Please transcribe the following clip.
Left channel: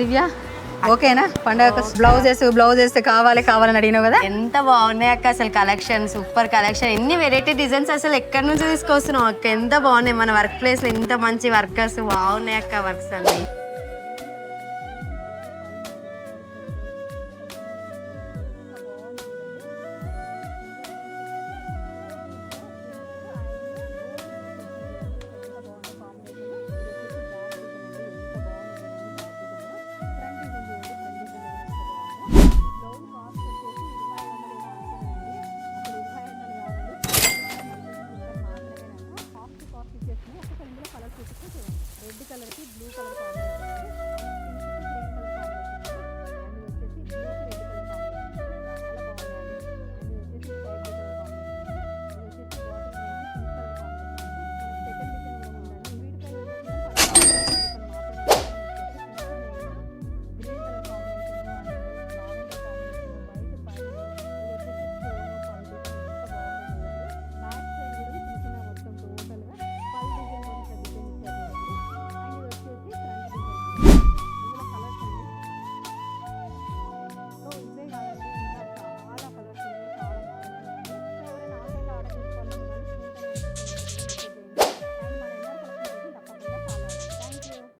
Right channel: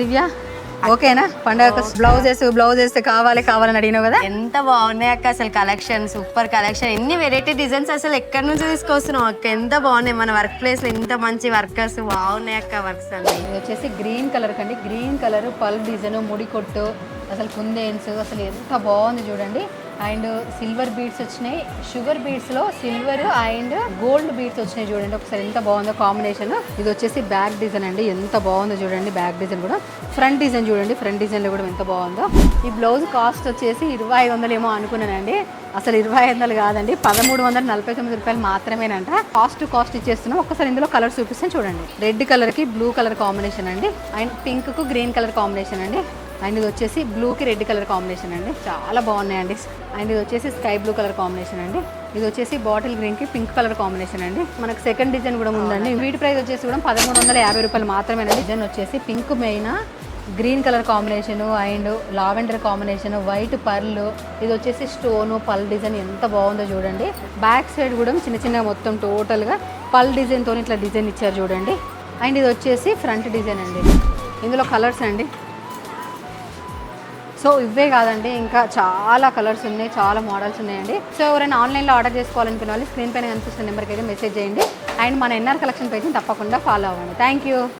దివ్య ఓకేనా? పండగ బ్లౌజెస్ కావాలని అడిగినావు కదా. ఎంత బాగున్నాయి అక్క అసలు కలెక్షన్, సూపర్ కలెక్షన్. ఎన్ని వెరైటీ డిజైన్స్ అసలు ఎక్కడి నుంచి తీసుకొస్తున్నావు అక్క? ఎంత బాగున్నాయి, మన వర్క్ ప్లేస్ లో ఇంత మంచి వర్కర్స్ బాగున్నాయి అక్క వర్క్స్ అన్ని. ఇది వచ్చేసి గ్రీన్ కలర్ కండి, గ్రీన్ కలర్ పల్ డిజైన్, ముడి కొట్టు, అసలు కుందేన్స్ అసలు ఎంత బాగుంది చూడండి. అండ్ సిల్వర్ బీడ్స్ వచ్చినాయి, షుగర్ బీడ్స్ లో సిల్వర్ అండ్ గోల్డ్ బీడ్స్ వచ్చినాయి చూడండి. ఒకసారి ఎంత బాగుందో కాంబినేషన్. ఇది వచ్చేసి బ్యాక్ డిజైన్ అండి, ఎంత బాగుందో చూడండి. బ్యాక్ డిజైన్ కూడా, ఫ్రంట్ డిజైన్ చూడండి, ఫ్రంట్ డిజైన్ లో కూడా ఎంత బాగుందో. ఈ బ్లౌజ్ కాస్ట్ వచ్చేసి 2500 ఏమో అనుకున్నానండి, అసలు 2500 కాదండి, 1349 రూపాయలు మాత్రమేనంట. కాస్ట్ ఇచ్చేస్తున్నాం. ఒకసారి ఇందులో కలర్ చూపిస్తాను చూడండి. రెడ్ కలర్ కి బ్లూ కలర్ కాంబినేషన్ అండి, అండ్ పింక్ కు గ్రీన్ కలర్ కాంబినేషన్ అండి, అండ్ ఇది వచ్చేసి బ్లూకి రెడ్ కలర్ కాంబినేషన్ అండి, చాలా బాగున్నాయండి. అండ్ ఇది వచ్చేసి స్కై బ్లూ కలర్ కాంబినేషన్ అండి, ఇది వచ్చేసి బాటిల్ గ్రీన్కి పింక్ కలర్ కాంబినేషన్ అండి. మనకు సెకండ్ డిజైన్ కూడా ఉందండి. వీటి ప్రైస్ వచ్చేసి కూడా 1350 రూపాయలు మాత్రమే. డిజైన్ వచ్చేసి pink main, green colour combination and lavender combination, white pearl, ఇది వచ్చేసి స్టోన్ పల్ డిజైన్ ఎంత బాగుందో చూడండి. బ్యాక్ సైడ్ కూడా చిన్న చిన్న మొత్తం టోటల్గా పల్ డిజైన్తో ఇట్లా డిజైన్ ఇచ్చారు చూడండి. అండ్ ఇది వచ్చేసి ఫ్రంట్ డిజైన్ అండి. ఇందులో కలర్స్ అండి, సో ఇవే కాదండి, ఇంకా చాలా కలర్స్ ఉన్నాయి, చాలా మోడల్స్ ఉన్నాయండి. సో ఎవరైనా ఆన్లైన్లో ఆర్డర్ చేసుకోవాలనుకున్న వాళ్ళు స్క్రీన్ పైన కనిపిస్తున్న నెంబర్కి అయితే మెసేజ్ చేయండి. అండ్ మన ఎన్ఆర్ కలెక్షన్ పేజ్ని తప్పకుండా ఫాలో అవ్వండి. Thank you.